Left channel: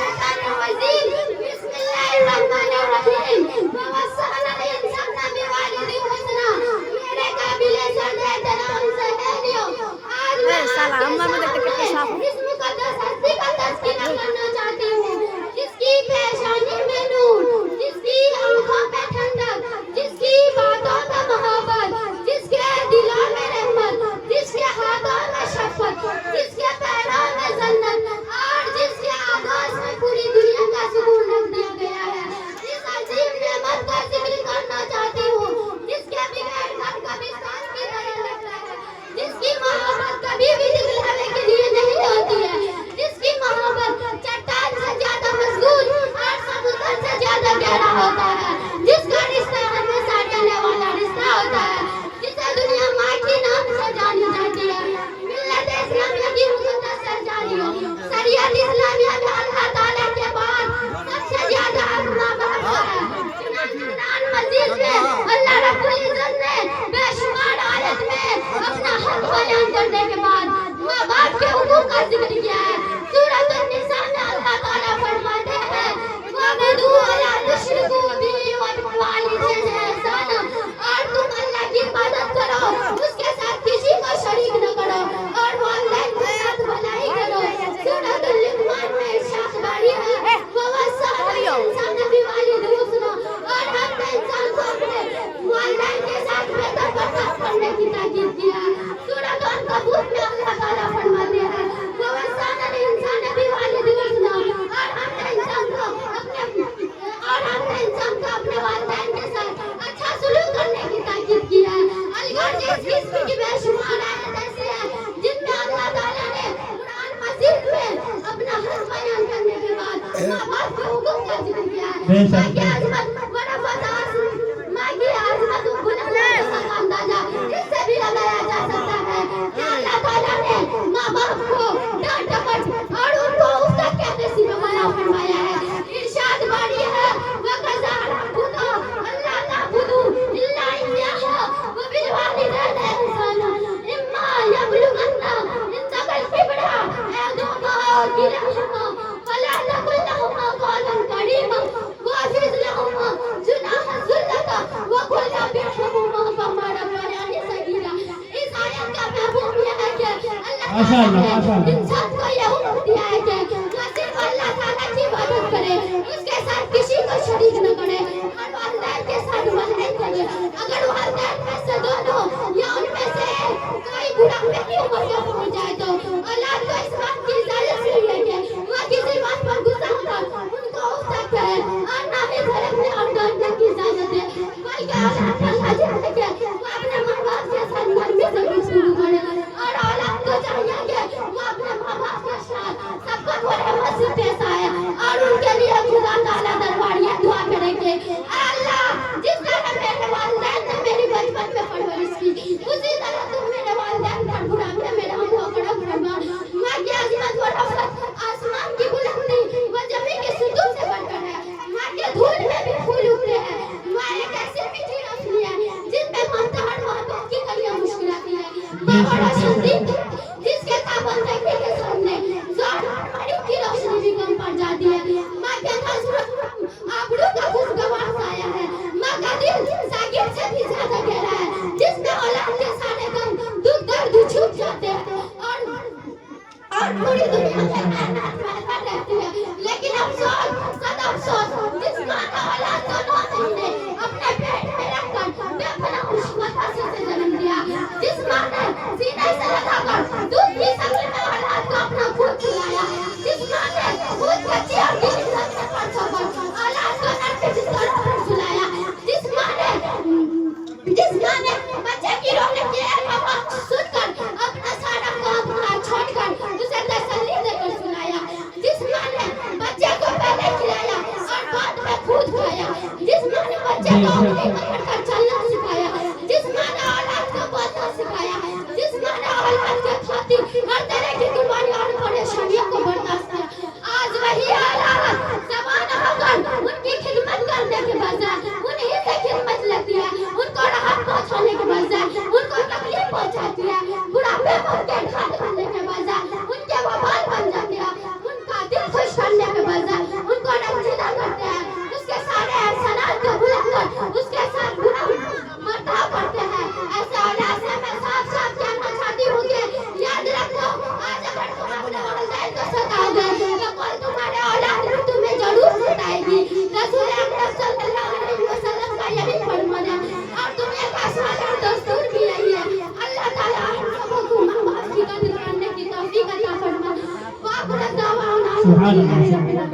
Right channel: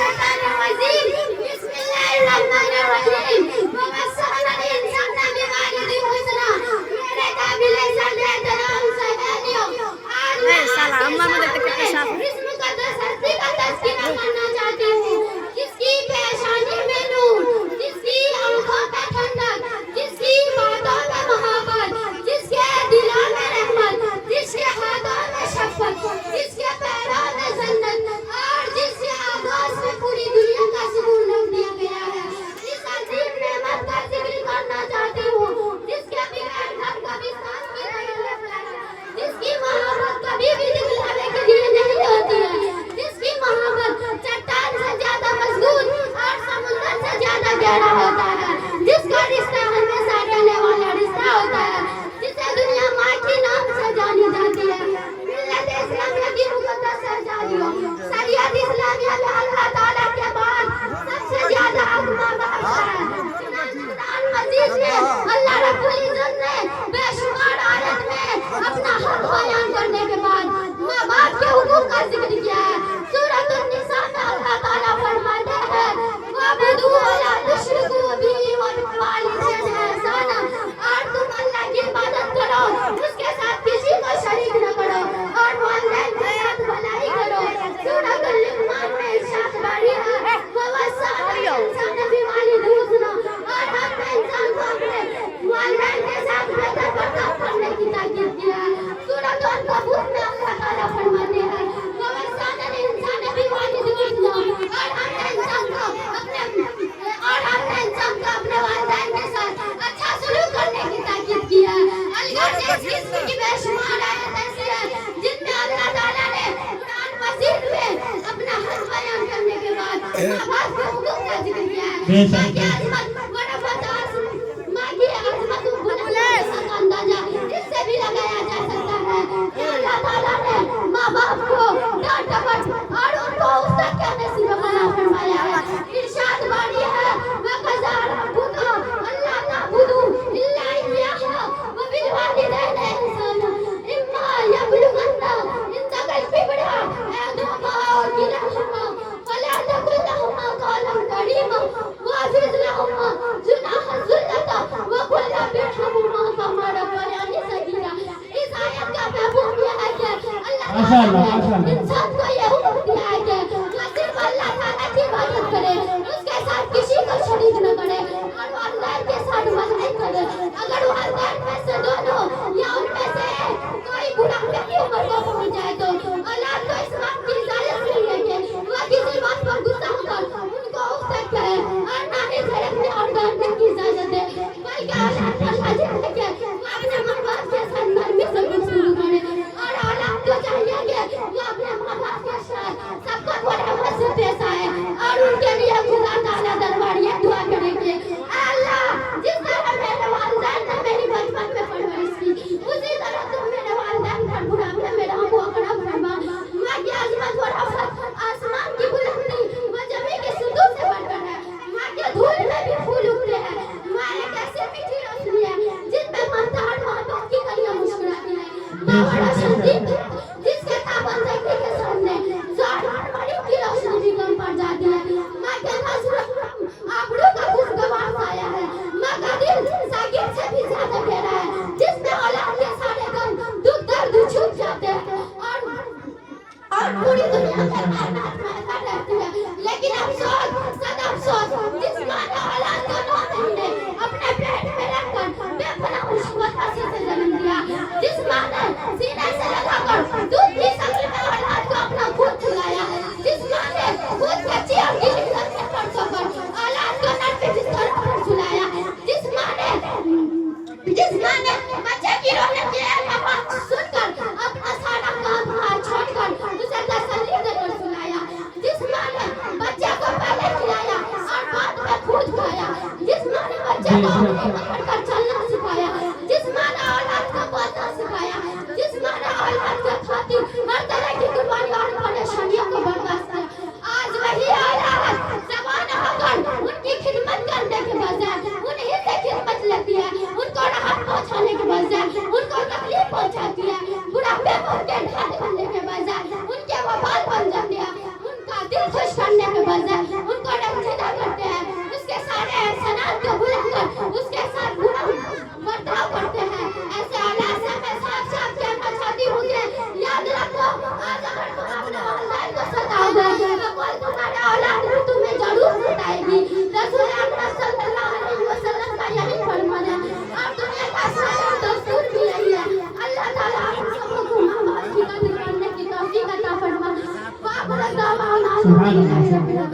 शैतानिर रजीम बिस्मिल्लाहिर रहमानिर रहीम ववस्सना इंसाना बिवालिदिही हुस्ना मेरे काबिल सर्दे तमाम सहेलियों आज मैं साला अम्मा में देखते कितने साफ है। इस मुकद्दस हस्ती का तज़किरा करना चाहती हूँ जिसकी पेशानी में नूर, जिसकी आंखों में ठंडक, जिसकी बातों में मोहब्बत, जिसके दिलों में रहमत, जिसके हाथों में शफ़क़त, जिसके पैरों में जन्नत और जिसके आगोश में पूरी दुनिया का सुकून रख दिया गया है। इस अजीम नेमत का जिक्र करना चाहती हूँ जिसके बगैर घर कभी सांस की नहीं लगता है, जिसकी मोहब्बत कभी भी दिखलावे के लिए नहीं होती है, जिसकी मोहब्बत चट्टान से ज्यादा मजबूत और समुद्र से ज्यादा गहरा होता है, जिसका रिश्ता हमेशा रहने वाला रिश्ता होता है, जिसे दुनिया माँ के नाम से जानी जाती है। मिल्लत इस्लामिया की मुकद्दस शहजादियों, शरीयत इस्लामिया जो अल्लाह ताला के बाद सबसे ज्यादा आत्मा बहादुर है। कुरान मजीद में अल्लाह रब्बुल इज्जत ने बेशुमार आयत में अपना हक बयान करने के बाद माँ बाप के हुकूक का जिक्र किया है। सूरत अन-निसा में अल्लाह ताला फरमाते हैं वअबुदू वला तुश्रिकू बिही व बिल वालिदैनि ihसाना, और तुम अल्लाह की इबादत करो, उसके साथ किसी को शरीक न करो और वालिदैन के साथ भलाई करो। सूरत अल-लुक़मान में इरशाद बारी है ववस्सना इंसाना बिवालिदिही हुस्ना, और हमने इंसान को अपने वालिदैन के साथ बेहतर बर्ताव करने की ताकीद की है। सूरत अन-कबूत में अल्लाह ताला फरमाते हैं ववस्सना इंसाना बिवालिदिही हुस्ना, और हमने इंसान को अपने वालिदैन के साथ अच्छा सलूक करने की ताकीद की है। अल्लाह ने इसकी बेशुमार आयत ऐसी है जिनमें अल्लाह ताला ने कुरान मजीद में अपना हक बयान करने के बाद माँ बाप के हुकूक का जिक्र किया है। माँ की आज़मत माँ की आज़मत का अंदाजा इससे भी लगाया जा सकता है कि अल्लाह ताला ने माँ बाप को डांट डपट और उनको उस तक के नसीब वाला फरमाया है। इरशाद बारी है वकज़ा रब्बुका अल्ला ताबुदू इल्ला इय्याहु व बिल वालिदैनि ihसाना इम्मा यबलुगन्ना इंदकल किबरा अहदुहुमा औ किलाहुमा फला तकुल लहुमा कौलन करीमा वाफ़िज़ लहुमा जुनाह ज़ुल्लता व कुल रब्बिरहमुहुमा कमा रब्बयानी सगीरा। इस आयत का मफ़हूम यह है कि अल्लाह ताला ने इंसान को यह हुक्म दिया है कि वह सिर्फ अल्लाह ताला की इबादत करे, उसके साथ किसी को शरीक न करे और वालिदैन के साथ भलाई करे। अगर वालिदैन में से दोनों या उनमें से कोई बुढ़ापे की उम्र को पहुंच जाए तो औलाद को इस बात की इजाजत नहीं है कि वह किसी बात पर गुस्सा होकर उनको उकसाए करे और ना ही झड़कने और डांटने की इजाजत दे, बल्कि औलाद को लाजिम है कि वह अपने माँ बाप के साथ नरमी से गुफ्तगू करे और औलाद को चाहिए कि वह अपने माँ बाप के साथ सबको रहमत से पेश आए और उनके लिए खुदा ताला दरबार ये दुआ करे कि अल्लाह जिस तरह मेरे वालिदैन ने मेरी बचपन में परवरिश की उसी तरह तुम मेरे वालिदैन पर बुढ़ापे में मेरा मुंह कड़ा फरमा। माँ की आज़मत और रहमत आसमान की बुलंदी व ज़मीन के सुतून से बढ़कर है। माँ के धूल में भी फूल उगते हैं। माँ एक ऐसी मीठी रोशनी है जिसमें ममता और मोहब्बत की कलियां मुस्कुराती है। माँ बड़ा शक्ति जिसके ताबन देखने के सामने ज़ार और मणि की रोशनी भी कम पड़ जाती है। माँ के नज़र आबरू का खुशगवार साया है। माँ का दिल सागिर से भी ज्यादा गहरा है जिसमें औलाद के सारे गम दुख दर्द छुप जाते हैं और पूरी दुनिया में कायनात में रहती है। लेकिन अफसोस सदा अफसोस जिस माँ ने औलाद को 9 महीने अपने पेट में रखकर बेपनाह मुसीबत हंसी से जन्म दिया, जिस माँ ने सीने से लगाकर दूध की शक्ल में औलाद को अपना खून खिलाया, जिस माँ ने खून कच्ची और गीली धरती पर सोकर औलाद को नर के बिस्तरों पर सुलाया, जिस माँ ने बच्चे की रोने की आवाज़ सुनकर अपना सारा काम काज छोड़कर उसे तसल्ली देकर सुलाया, जिस माँ ने बच्चे को पहले खिलाया और बाद में खुद खाया, जिस माँ ने बच्चे को अपनी पकड़कर चलना सिखाया, जिस माँ ने औलाद को बोलना सिखाया, जिस माँ ने औलाद के खातिर हर तरह की कुर्बानी और परेशानियों को बर्दाश्त किया, आज वही औलाद ज़बान होकर उनकी खिदमत करने के बजाय उन्हीं से खिदमत लेती है, उनको राहत पहुंचाने के बजाय उनको तकलीफ पहुंचाती है, बुढ़ापे में उनके ढाल बनने के बजाय उनके वबाल बन जाते हैं, उनका दिल खुश करने के बजाय सुभान अल्लाह।